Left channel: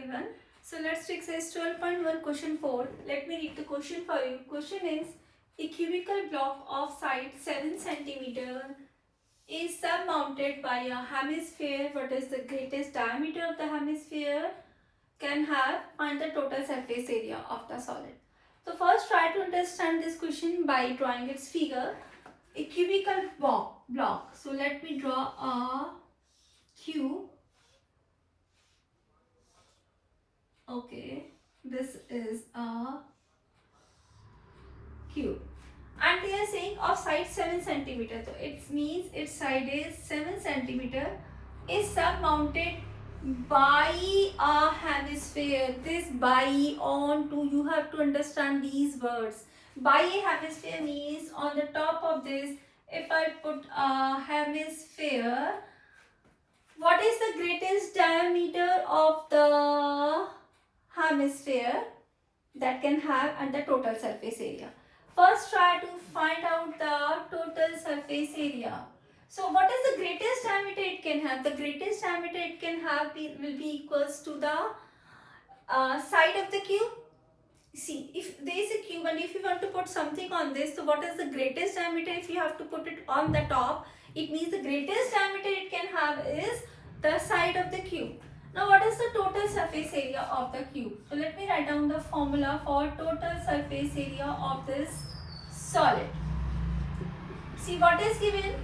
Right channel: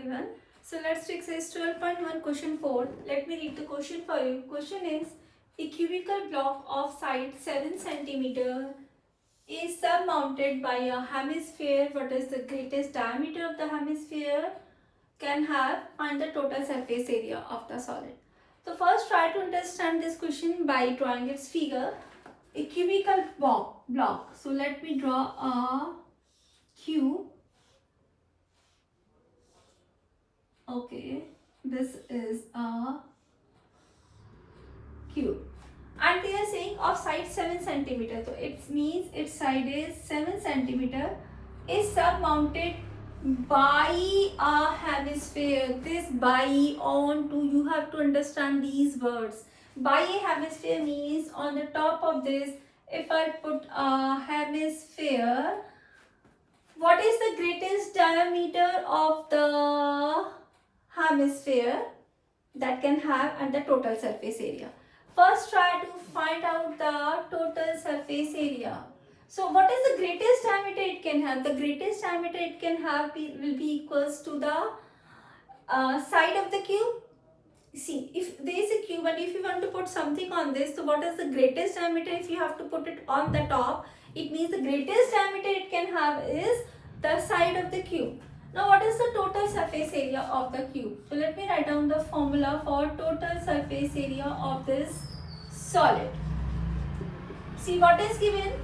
everyone. So let's do exercise 12.1 question 4. Let me read the question for you. Question is, a cubical block of side 7 centimeter is surmounted by a hemisphere. What is the greatest diameter of the hemisphere? Can have, find the total surface area of the solid. So first try to understand this question by drawing its figure. A cubical block. So let me draw a cube. Okay, this is a cube and they are saying of side 7 centimeter. So it means its side is 7 centimeter is surmounted by a hemisphere. This by on to, you have to understand these words. By a hemisphere means on the top of this, if I put a hemisphere, what is the greatest diameter of the hemisphere that can have and the total surface area. First try to find out the total surface area. So what is the greatest diameter it can have? The greatest diameter it can have will be equals to the side of the cube. See, if there is a cube and if you want to put something on this, so what is the greatest diameter? If you have to put it on the top, it means the greatest diameter it can have is the side of the cube. Now what is the total surface area of the cube? So let me write down the formula for total surface area of this solid. See what is given?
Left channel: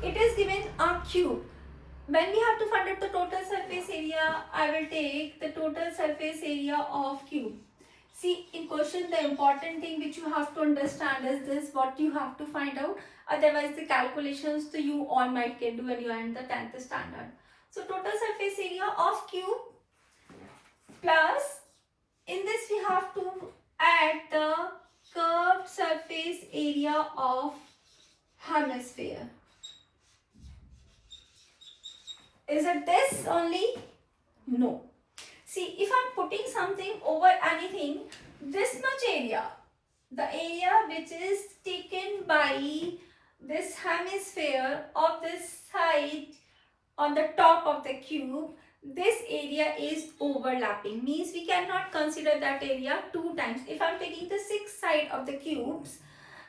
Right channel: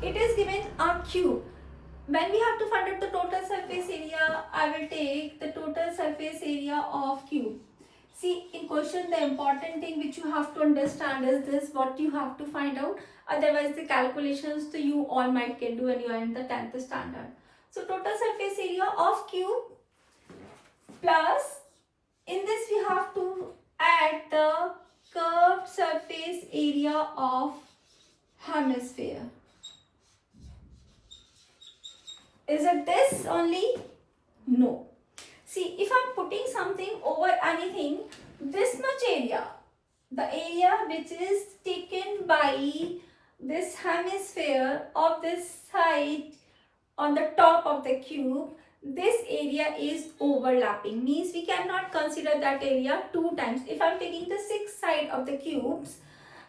It is given a cube. When we have to find out the total surface area, I will take the total surface area of cube. See, in question the important thing which you have to understand is this, what you have to find out. Otherwise the calculations to you all might can do when you are in the 10th standard. So total surface area of cube plus, in this we have to add the curved surface area of hemisphere. Is it this only? No. See, if I am putting something over anything, this much area, the area which is taken by this hemisphere of this side on the top of the cube, this area is overlapping, means we cannot consider that area two times. If I am taking the 6th side of the cubes,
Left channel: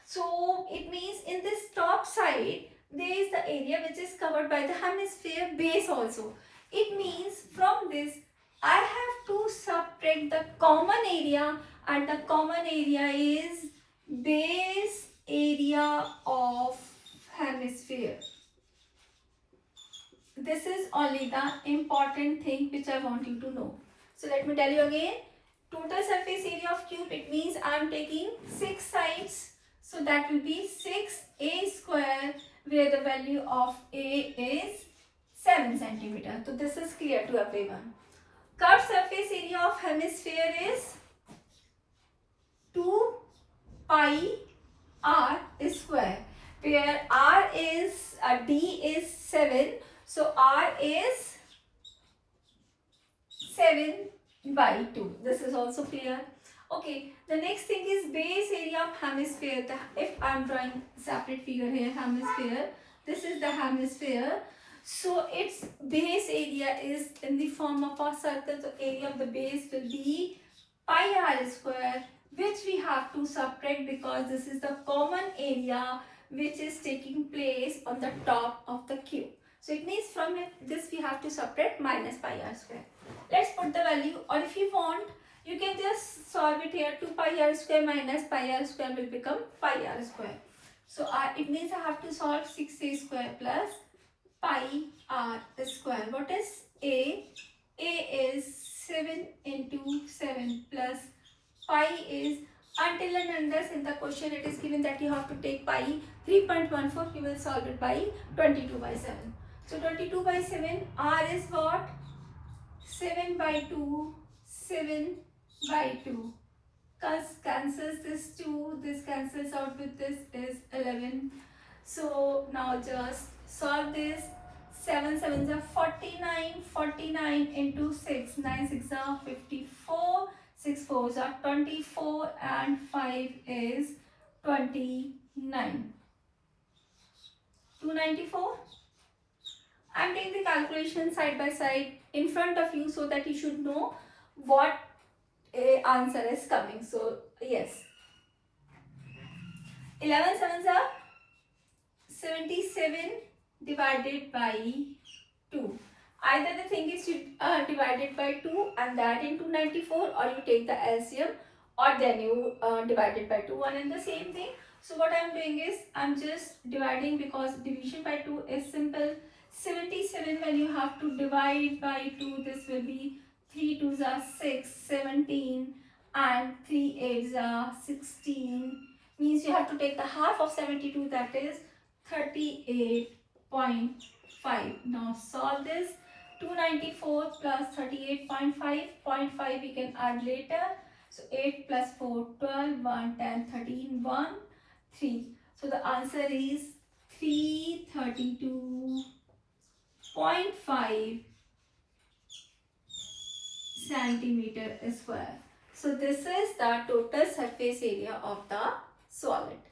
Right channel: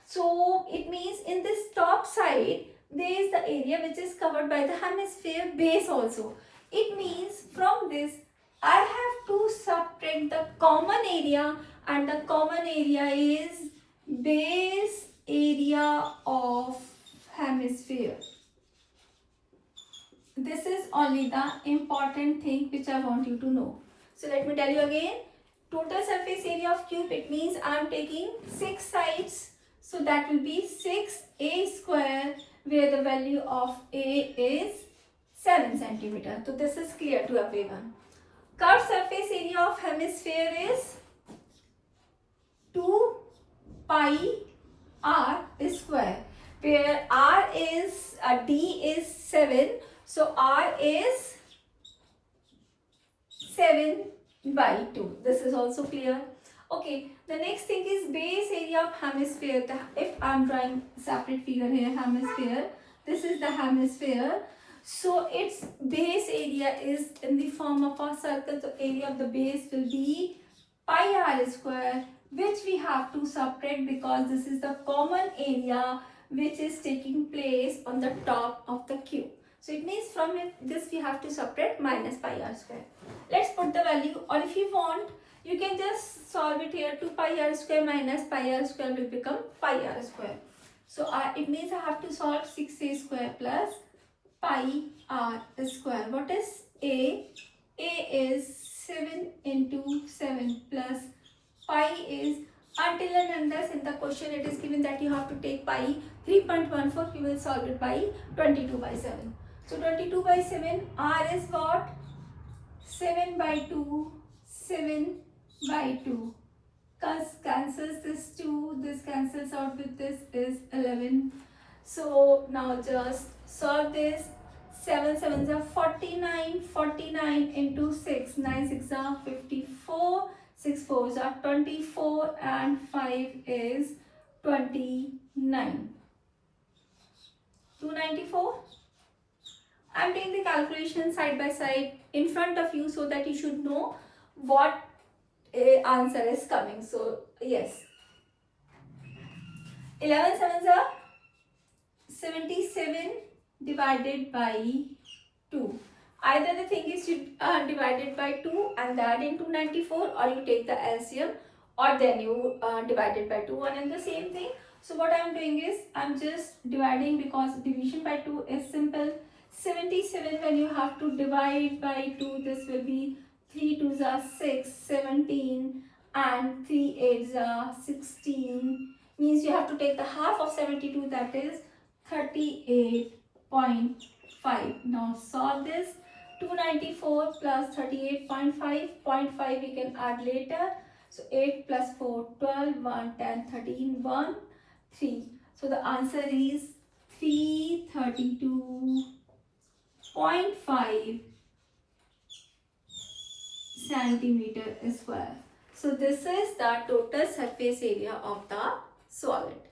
so it means in this top side there is the area which is covered by the hemisphere base also. It means from this I have to subtract the common area, and the common area is base area of hemisphere. This is only the important thing which I want you to know. So let me tell you again. Total surface area of cube, it means I am taking 6 sides. So that will be 6a square, where the value of a is 7 centimeter. So this is clear to everyone. Curved surface area of hemisphere is 2 pi r square, where r is d is 7. So r is 7 by 2. This is also clear. Okay, the next thing is base area of hemisphere. If I am drawing separate figure here, hemisphere, this is the hemisphere. So its base area is in the form of a circle. So area of the base will be pi r square, which we have to subtract because this is the common area which is taking place on the top of the cube. So it means from this we have to subtract minus pi r square. Let's put the value, or if you want, you can just solve it here. 2 pi r square minus pi r square will become pi r square. So it means I have to solve 6a square plus pi r square. What is a? A is 7 into 7 plus pi is, until and unless in the question it is given that you have to take pi 3.14, you will solve it by 22 by 7. So 22 by 7, r is what? 7 by 2, 7 by 2. Cancels this 2, this cancels out with this is 11. So now just solve this. 7 7s are 49, 49 into 6, 9 6 are 54, 6 4s are 24 and 5 is 29. 294. I am taking the calculation side by side in front of you so that you should know what answer is coming. So yes, 11 sevens are 77 divided by 2. Either the thing is divided by 2 and that into 94, or you take the LCM, or then you divide it by 2, one and the same thing. So what I am doing is I am just dividing, because division by 2 is simple. 77, when you have to divide by 2, this will be 3 2s are 6, 17, and 3 8s are 16. Means you have to take the half of 72, that is 38.5. Now solve this. 294 plus 38.5. 0.5 we can add later. So 8 plus 4, 12, 1, 10, 13, 1, 3. So the answer is 332.5 centimeter square. So this is the total surface area of the solid.